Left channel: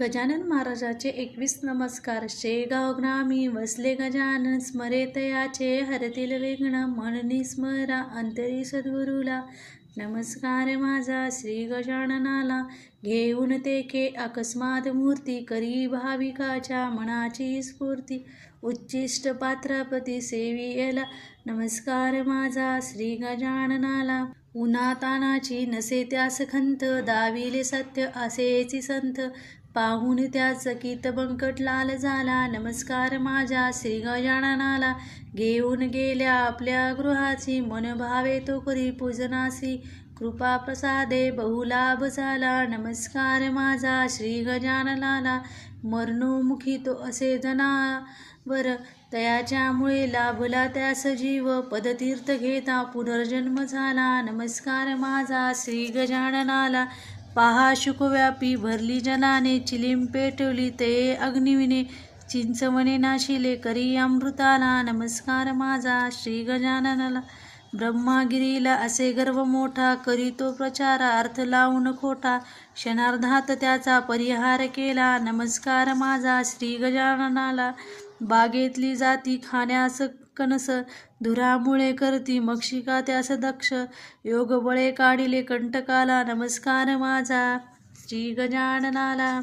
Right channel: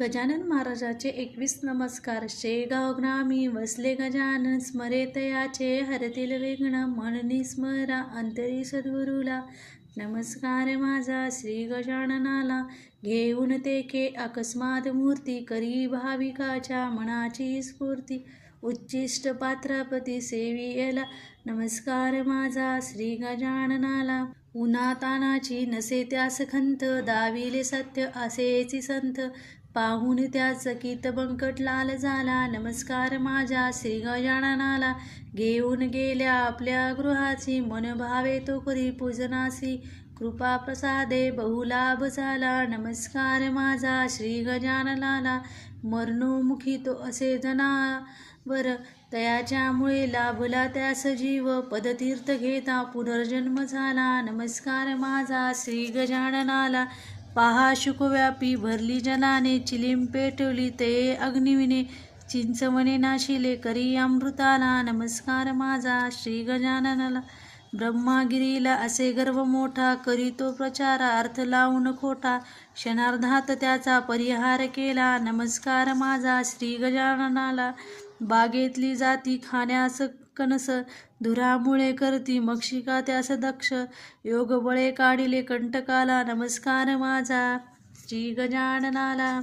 गजानन महाराजाचे एकवीस नमस्कार. शेगाव ग्रामी वसले गजानन स्मरे तयाचे हरतील विघ्न म्हणनी स्मरा अंतरी सद्गुरूला. नमस्कार माझा श्री गजाननाला. घेऊन तेके अकस्मात मूर्ती करी भाविकाच्या मनाची स्फूर्ती. उच्चिष्ट पात्रापती सेवियला. नमस्कार माझा श्री गजाननाला. उन्हातानाची नसे त्यास खंत दाविले सत्य असेची संत पाहून त्या चकित बंकट लाल झाला. नमस्कार माझ्या श्री गजाननाला घेऊन गेल्या आपल्या गृहाची मन भावे तो करी पूजनासी. कृपा प्रसादे बहुलाभ झाला. नमस्कार माझा श्री गजाननाला मरणोमुखी तो असे जना. जनावर तयाच्यामुळे लाभला त्यास जीव. पदतीर्थ घेता पुनर्जन्म झाला. नमस्कार माझा. श्री गजाननाला पहा. शुकव्यापी भरली जलाने चिलीम पेटवली ते अग्निविने चिंचवणे नाशिले करी अमृताला. नमस्कार माझा. श्री गजाननाला. ब्रह्मागिरीला असे गर्व मोठा. करीतो प्रचार अर्थ लावून खोटा. क्षणार्धात त्याचा परिहार केला. नमस्कार माझा. श्री गजाननाला. बागेतली जाती खाण्यास कणस धुरामुळे करती मक्षिका त्यास दक्ष योग बळे काढिले कंटकाला नमस्कार माझा श्री गजाननाला.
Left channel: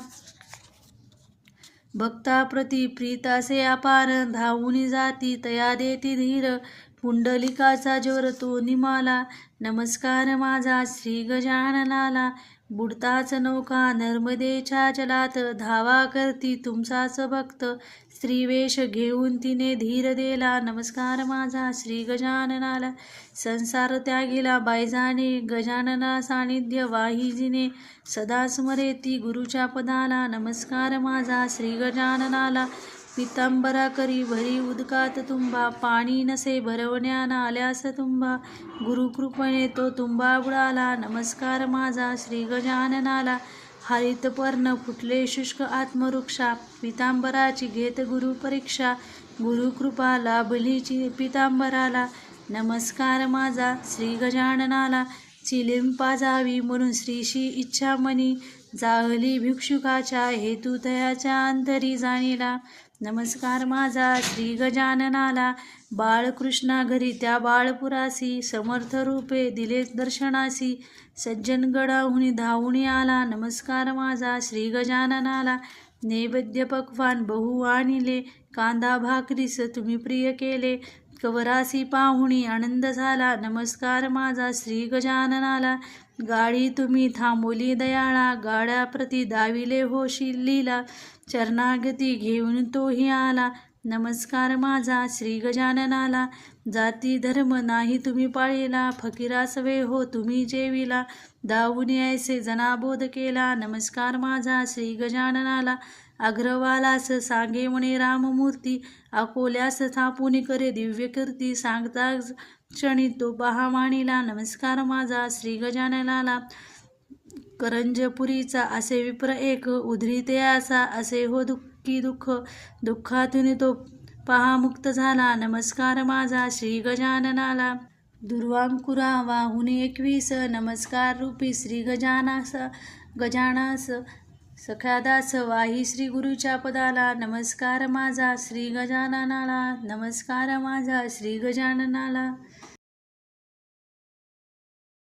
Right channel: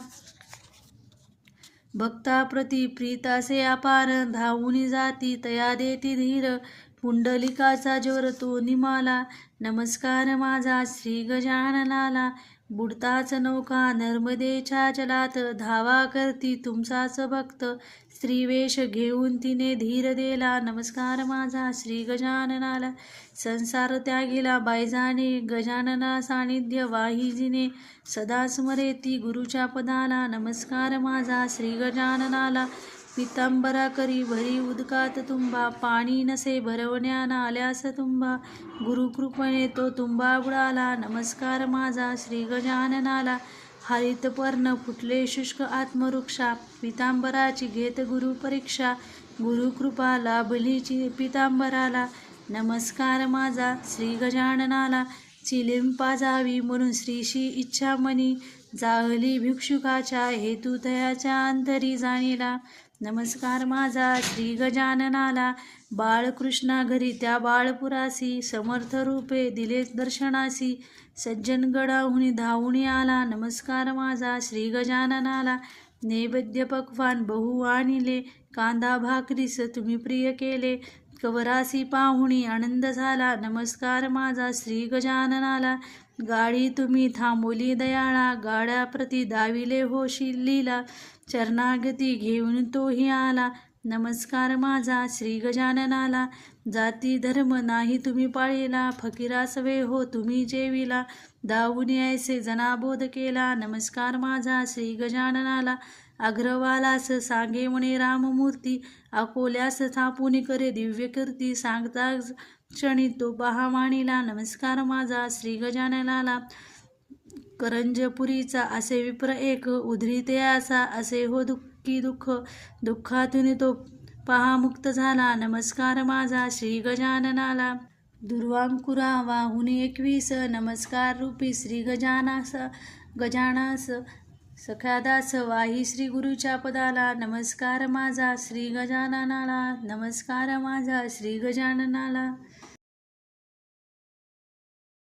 भक्ताप्रती प्रीतासे अपार धावून जाती तया देती धीर पुंडलिकाचा जोर तो निमाला. नमस्कार माझा श्री गजाननाला. बुडताच नौका नर्मदेच्या जलात धावा करती तुमचाच भक्त. स्त्रीवेश घेऊन तिने धीर दिला. नमस्कार माझा श्री गजाननाला. संसार त्यागीला बायजाने. गजानना सानिध्य वाहिजीने. सदा स्मरेती गुरुच्या पदाला. नमस्कार माझा श्री गजाननाला. पितांबरा करी भरी उदकात तुंबा पाणी नसे भरवण्याना आल्यास तुंबा गुरुकृपणे तो तुंबा बुडाला. नमस्कार माझा श्री गजाननाला. हरितपर्ण फुटले शुष्क आत्मवृक्षा. पितांबराची घेत गुरुपरीक्षा गुरुकृपा लाभलीची पितांबराला. नमस्कार माझा श्री गजाननाला. चिलिम पाजावी म्हणून श्रीशी इच्छा मनी जाहली भिक्षुकाच्या हेतू तयाच्या अंतरी जाणीला. नमस्कार माझा श्री गजाननाला. बाळकृष्णा घरी त्या बाळपुरासी समर्थ रूपे दिले दर्शनासी. सज्जनगडाहून गडाहुनी आला. नमस्कार माझा श्री गजाननाला. नैवेद्य पक्वान बहु आणिले. कांदा भाकरीस तुम्ही प्रिय केले. कवरासी पाहुणी आनंद झाला. नमस्कार माझा श्री गजाननाला. गाडी तुम्ही थांबोली दयाळा. गाड्याप्रती दाविले होशील लीला. चरणागती घेऊन तोही आला. नमस्कार माझा श्री गजाननाला. जाती धर्म नाही तुम्ही पाळीला. फकीरासवे हो तुम्ही जेविला. दावून यायचे जनाबोध केला. नमस्कार माझा श्री गजाननाला. अग्रवालास सांगे म्हणे राममूर्ती अकोल्यास थापून करे दिव्य कीर्ती सांगता क्षणी तो पहामाणीला नमस्कार माझा श्री गजाननाला. करंजपुरीचा असे विप्र एक उधरीते असा असे हो दुःखी दुःख दुःखातून तो पहा मुक्त झाला नमस्कार माझा श्री गजाननाला. दुर्वांकुरा वाहुनी एकवीस नमस्कार रूपी श्री गजानास गजानास. सख्यादास वाही श्री गुरुच्या पदाला नमस्कार माझा श्री गजाननाला नमस्कार माझा श्री गजाननाला.